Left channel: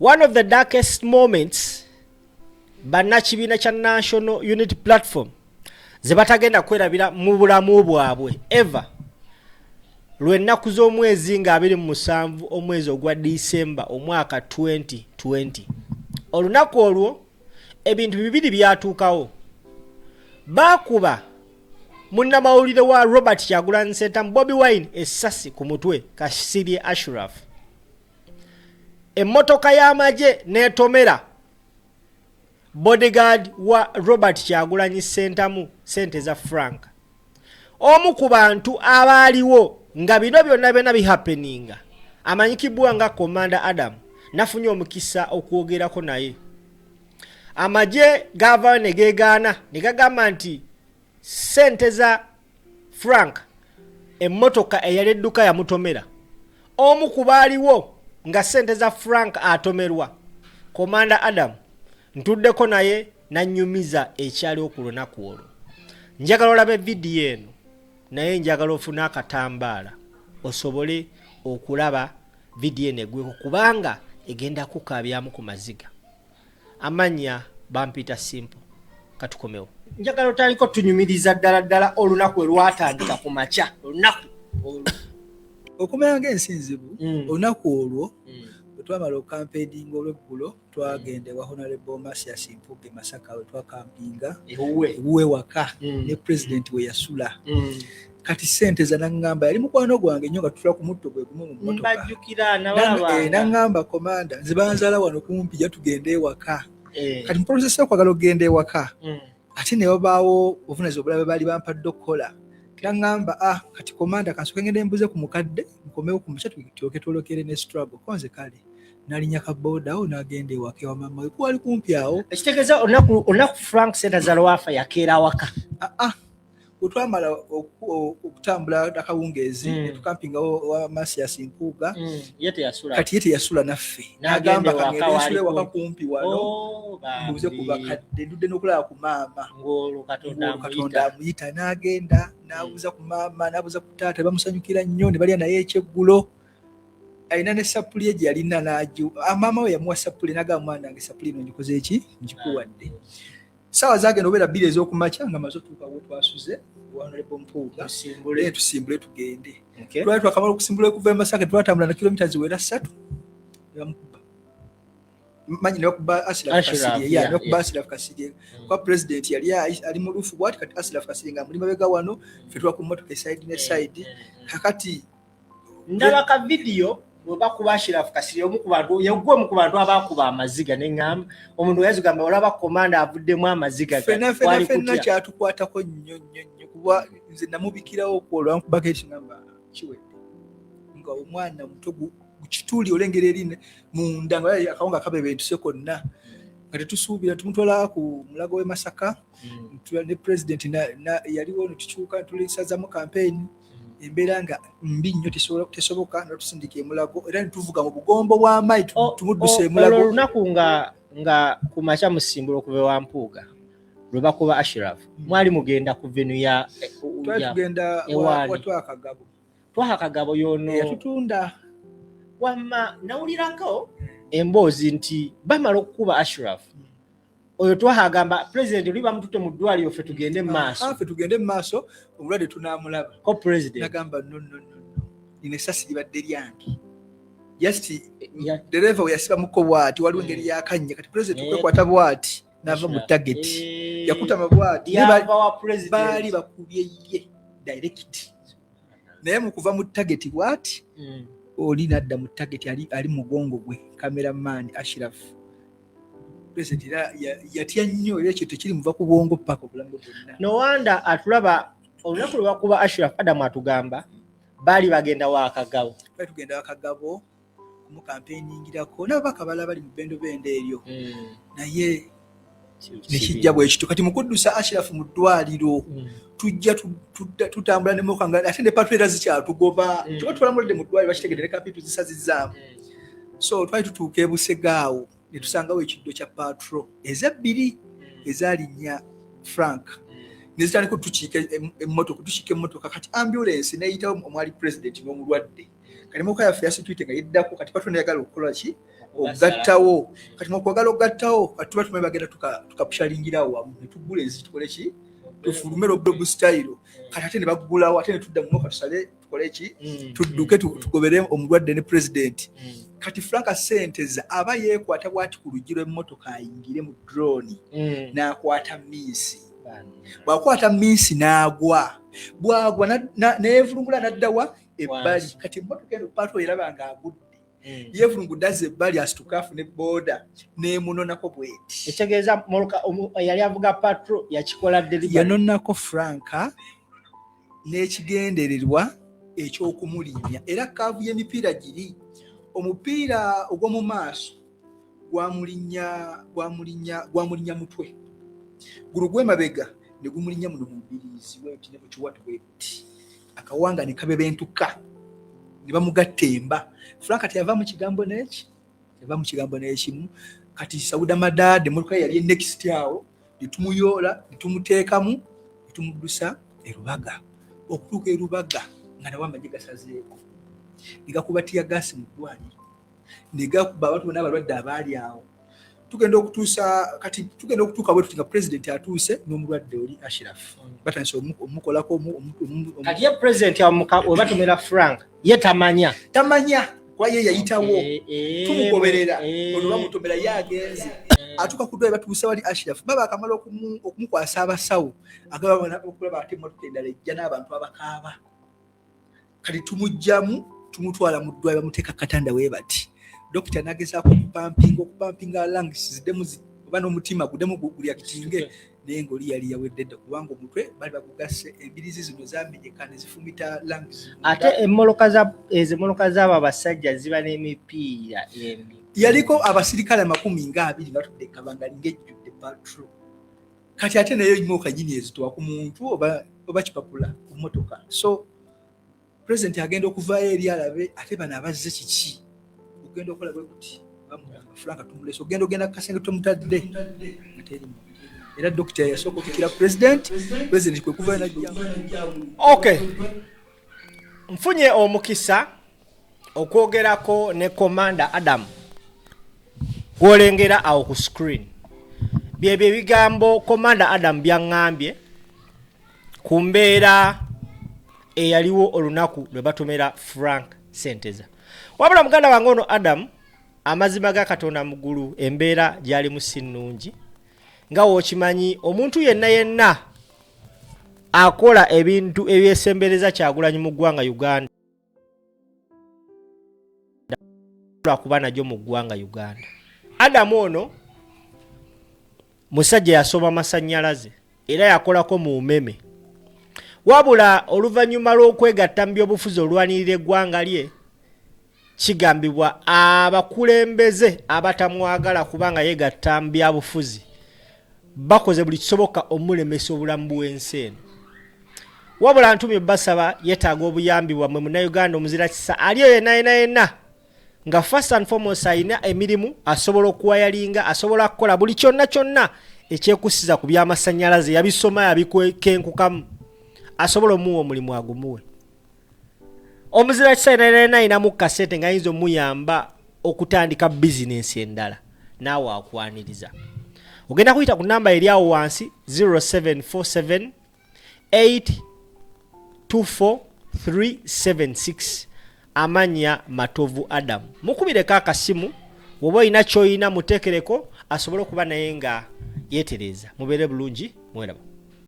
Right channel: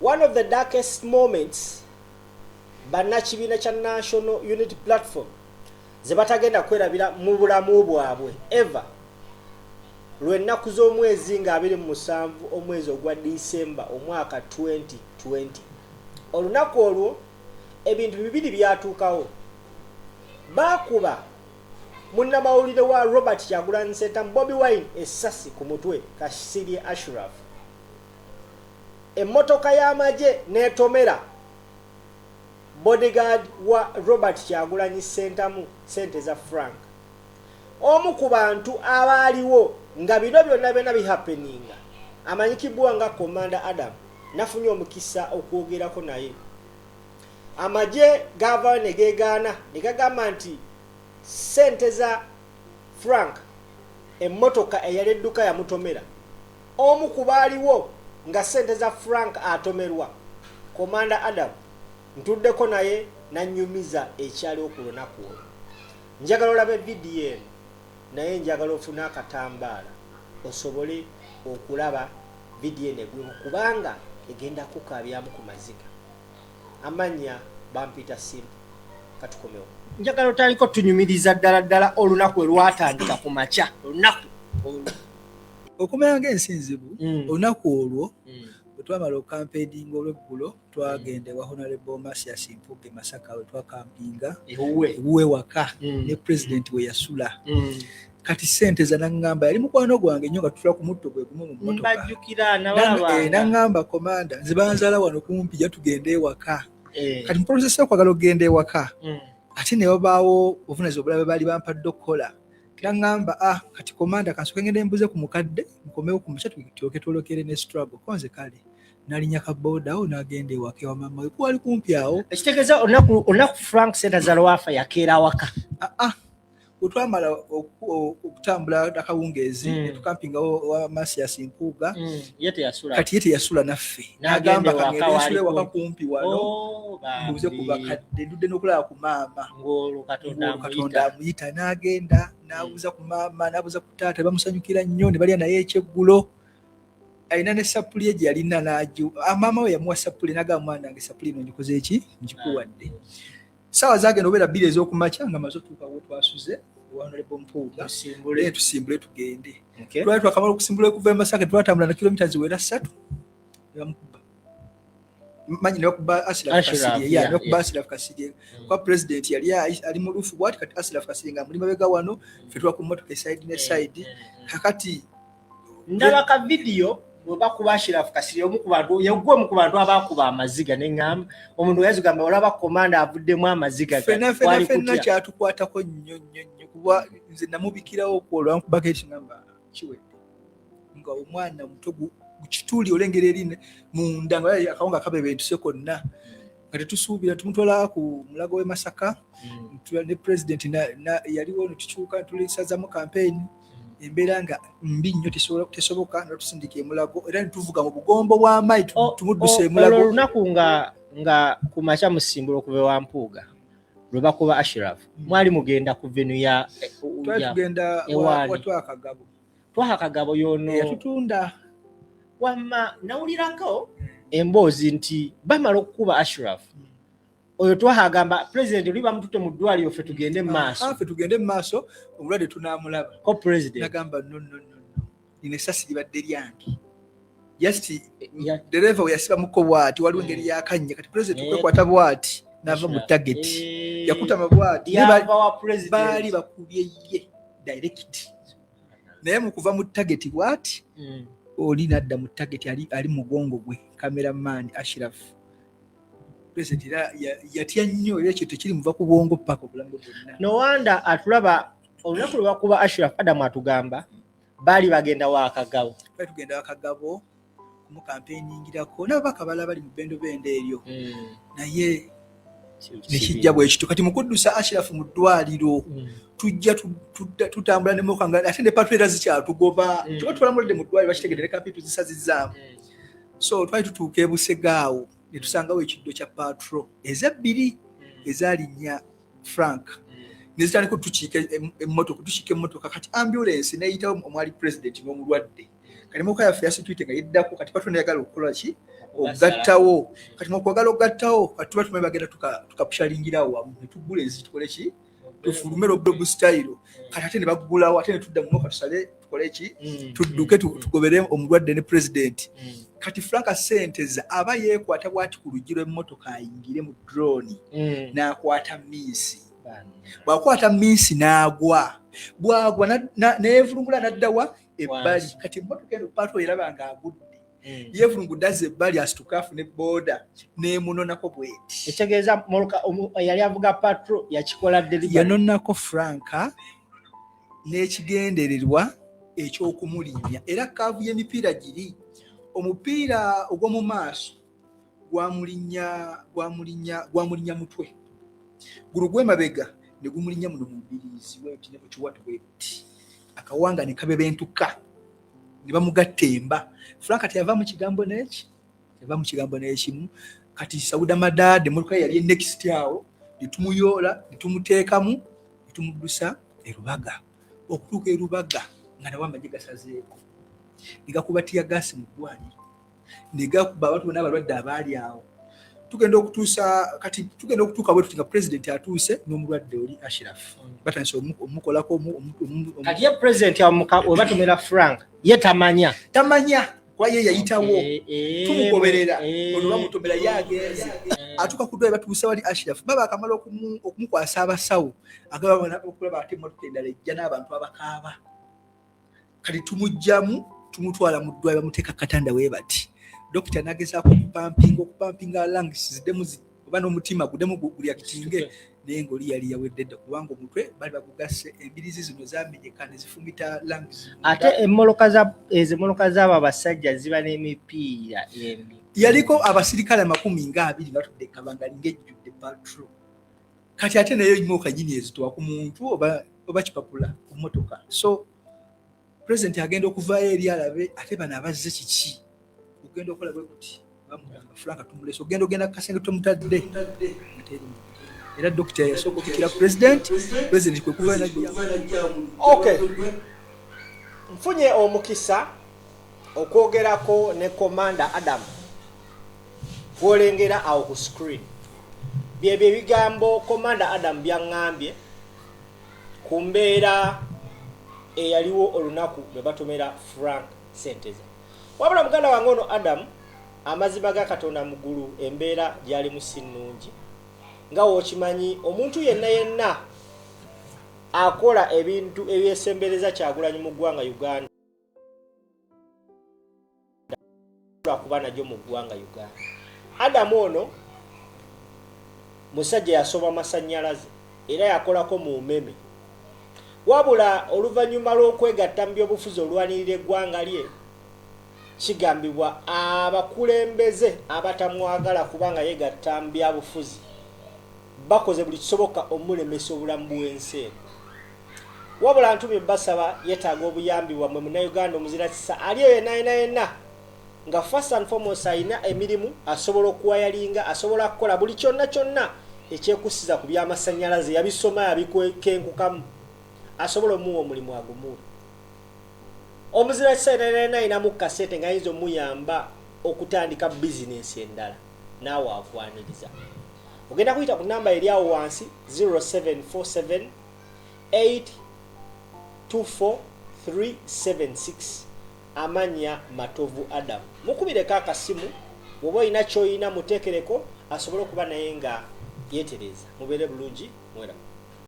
one of the darkest moments bannakibiina kya National Unity Platform ze batagenda kwerabira mu bulamu bwabwe ever lw'ennaku z'omwezi nga 27 omwezi ogwa December omwaka 2020. Olunaku olwo ebintu bibiri byatuukawo. Bakuba munnamawulire wa Robert Kyagulanyi Ssentamu Bobi Wine essasi ku mutwe Kasirye Ashraf. Emmotoka y'amagye n'etomera bodyguard wa Robert Kyagulanyi Ssentamu sente za frank. Omu ku bantu abaaliwo nga bino byonna bihappeninga amanyikibwa nga Commander Adam nafunye omukisa okwogerako naye. Amagye gavaayo ne geegaana ne gagamba nti sente za frank emmotoka eyali edduka yamutomera. Omu ku baaliwo nga sente za frank atomerwa Commander Adam ntuddeko naye nanyumiza ekyaliwo ku lunaku olwo. Njagala olabe vidiyo eno naye njagala ofuna akatambaala osobole okulaba vidiyo eno egweko kubanga egenda kukabyamu ku maziga. Amanya Bampita Simple katukomewo. Njagala otaliko tunyumiriza ddala olunaku lwatandika ku makya olunaku okumenya ng'ensinzibu olunaku olwo bwe twamala okampedinga olw'eggulo twagende wa Honorable Masias Mpuuga Masaka we twakampinga ewuwe waka ne president we yasula. Kati sente za nangamba yali mukwano gwange nnyo nga tutula ku mutto gwe gumu mu mmotoka. Mbajjukira nababa nangamba komanda zibanzala wano kumpi ja tugende ewaka. Kati mu process y'okwagala okugenda ewaka ate ne babaawo obuvunaanyizibwa obulala baali bampadde okukola. Nangamba kati komanda kansoke ngende mbuze ku mukadde nkomewo ku makya tulyoke twolokere ne struggle konze kale nalinya kaboda awo n'agenda ewaka wa mama we kwali kumpi awo. Ekitegeeza olunaku Frank Senta Zalwafa yakeera waka. Utwamala okutambula akawungeezi ne tukampinga wa Masias Mpuuga kati yete yasula naffe n'agamba kangende nsule waka kumpi wano mbuze ku bakadde ndudde n'okulaba ku maama Katonda amuyita n'agenda n'abuuza ku maama n'abuuza ku taata bamusanyukira nnyo ne balya naye ekyeggulo. Alina ne sapuli gye yalina n'aju maama we yamuwa sapuli n'agamba mwana wange sapuli eno ngikoze eki ngikuwadde. Sawa zagenda obeera bbiri ez'okumakya nga maze otuuka we twasuze Honorable Mpuuga tusimbule tugende. Twali twakamala okusimbula okuva e Masaka twatambula na kilomita ziwera 3 bamukuba manyi ne bakuba Ashraf Kasirye kwa president yali ali mu lufu bwati kati Ashraf Kasirye nga muli mabega wano ffe twa ku mmotoka side ne side. Kakati ndaba ka video bakuba Ashraf Kasirye omu ku bantu yagwe mu ku bantu abakuba amaziga n'engamba omuntu yazigamba olaba komanda avuddemu amaziga fena kyatukwatako nnyo kuba nze namubikirawo okwolwa nkubako ekingamba kiwedde nga omwana muto gukituuli olengera erine munda nga akawunga kabebentuse konna nga tetusuubira tumutwala ku mulago w'e Masaka ne president yaliwo netukyuka tulisazamu campaign embeera nga mbi nnyo tesoboka nga tusindika emulago era netuvuga mu bugombo bw'amayi tumudduse emulago. Olunaku nga ku makya musimbula okuva wa Mpuuga lwe bakuba Ashraf mwali mugenda ku venue ya tugenda Twakagabo yono yatutunda wamma nawulirako emboozi nti bamala okukuba Ashraf oyo twahagamba president oli bamututte mu ddwaliro ffe tugende mu maaso ffe tugende mu maaso omulwadde tunaamulaba ko president nagamba no nina essasi libadde lyange just dereva we yasibamuko bwati waliwo engeri yakanye kati president kwekwata bwati nava mu target yakutama bwati baali bakubye ye direct naye mu kuva mu target bwati oli nadda mu target ali mugongo gwe cameraman Ashraf. President yatya nnyo era ekyo tekiri muva ku bwongo paka obulamu bwonna. No wonder atulaba olunaku lwe bakuba Ashraf Adam atugamba baali bagenda wa Kagabo. Baali tugenda wa Kagabo mu campaigning-irako n'ababaka balala bali mu bendo bende eryo. Naye nekijja bwekito kati mukuddusa Ashraf mu ddwaliro tujja tutambula ne mukanga ate ne patwera zikyatugoba kyo tulamulidde mu ddwaliro bakitegedde kapi tuzisazizzaamu. So twali tutuuka e Busegaawo ne tusangawo ekiddo kya patro ezabbiri ezalinnya Frank ne zitandika tukiika emmotoka kati ambulance n'eyitawo omwali president n'omulwadde kati moka ya security nga yiddako kati patone yagala okukola ki ogattawo kati mokwagala ogattawo kati tuba tumanyi bagenda tukapushalingirawo wamu ne tugula ensi tukole ki tufulume Rob style kati ate ne bagulawo ate ne tudda mu moka tusale tukole ki tudduke tugobere omulwadde ne president kati Frank Senteza aba yeekwata bwati ku lugiro emmotoka ayingire mu drone n'akwata Miss bwakwata Miss n'agwa bwagwa neevulungula n'addawa ebbali kati emmotoka eno pato erabanga agudde yevulungudde azza ebbali asitukafu ne boda neemunonako bweti ekitegeeza moloka yali avuga patro yakikola delivery yanonako Franka n'ekigendererwa eky'okumulinnya era kaavu y'emipiira giri omupiira ogw'omu maaso gwamulinnya mutwe guno gw'emabega ne gumulinnya muno mu mbiriizi bweti ne bukiwatu bweti akawanga ne kabebentuka ne bamugatta emba Franka teyava mu kigambo n'ekimu kati Sauda Madade muluka yali next awo litumuyola litumuteekamu litumuddusa erubaga okutuuka erubaga nga nawo amagye gasazeeko negakubatiya gasi mu ddwaliro negakuba abantu bonna abalwadde abaali awo tugenda okutuuka bwe tuti nga president atuuse n'omulwadde oli Ashraf batandise omukolako kati ye president webatumira Frank ye tamanya kwa ye yayitawo tumugoberera ono bamutomera yagenze atuka ku ddwaliro batuuse wali Ashraf baba akamala okumukwasa abasawo agababona okulaba ate emmotoka endala ejja n'abantu abakaaba kati tumujjamu tumutwala mu ddwaliro bamuteeka katanda we bati dokita nagezaako okupampinga lungs ziddemu oba n'omutima guddemu gulyakitinge naye ng'oli yali yawedde dda kubanga omutwe bali bagugase embirizi zino zamenyeka ne zifumita lungs ate emmoloka z'abo abasajja ziba n'emipiira yaliko abasirikale 20 nga batudde kabangali ng'ejjudde patro kati ate naye imoka nyini ezitowa ku muntu oba kipapula ku mmotoka so president agenda okuvaayo eri alabe ate bano abazze kiki ogenda okola bwe kuti Franka tumulese ogenda kasenge tomutadde era dokita yasooka okukira president kwe kuvaayo najjamu okay nfunye omukisa okwogerako ne Commander Adam kwolengera awo ku screen byebyo ebigambo Commander Adam byaŋŋambye ku mbeera eyaliwo olunaku lwe batomera Frank Senteza wabula muganda wange ono Adam amazima ga Katonda mugulu embeera gyali musinnungi nga wokimanyi omuntu yenna akola ebintu ebyesembereza Kyagulanyi mu ggwanga Uganda kuba najjo mu ggwanga Uganda Adam ono musajja yasoma masannyalaze era yakolako mu mmeme wabula oluvannyuma lw'okwegatta mu byobufuzi olwanirira eggwanga lye kigambibwa abakulembeze abatamwagala kubanga yegatta mu byabufuzi bakoze buli kisoboka omulemesa obulamu bw'ensi eno wabula ntumye basaba yetaaga obuyambi bwammwe munnayuganda omuzira kisa aliyo yenna nga first and foremost ayina emirimu asobola okuwayalinga asobola kukola buli kyonna ekyekusiza ku byamasannyalaze yabisoma yabikwenkukamu asobola omuwa omulimu agumuwe omuzira kisa yenna ayinamu kasete nga ayinza omuyamba okutandika bizinesi endala naawe akwaniriza ogenda kuyita ku namba eri awo wansi 0747 824 amanya Matovu Adam mukubireko akasimu woba olina ky'olina muteekereko asobole okuba naye nga yeetereza mubeere bulungi mweramu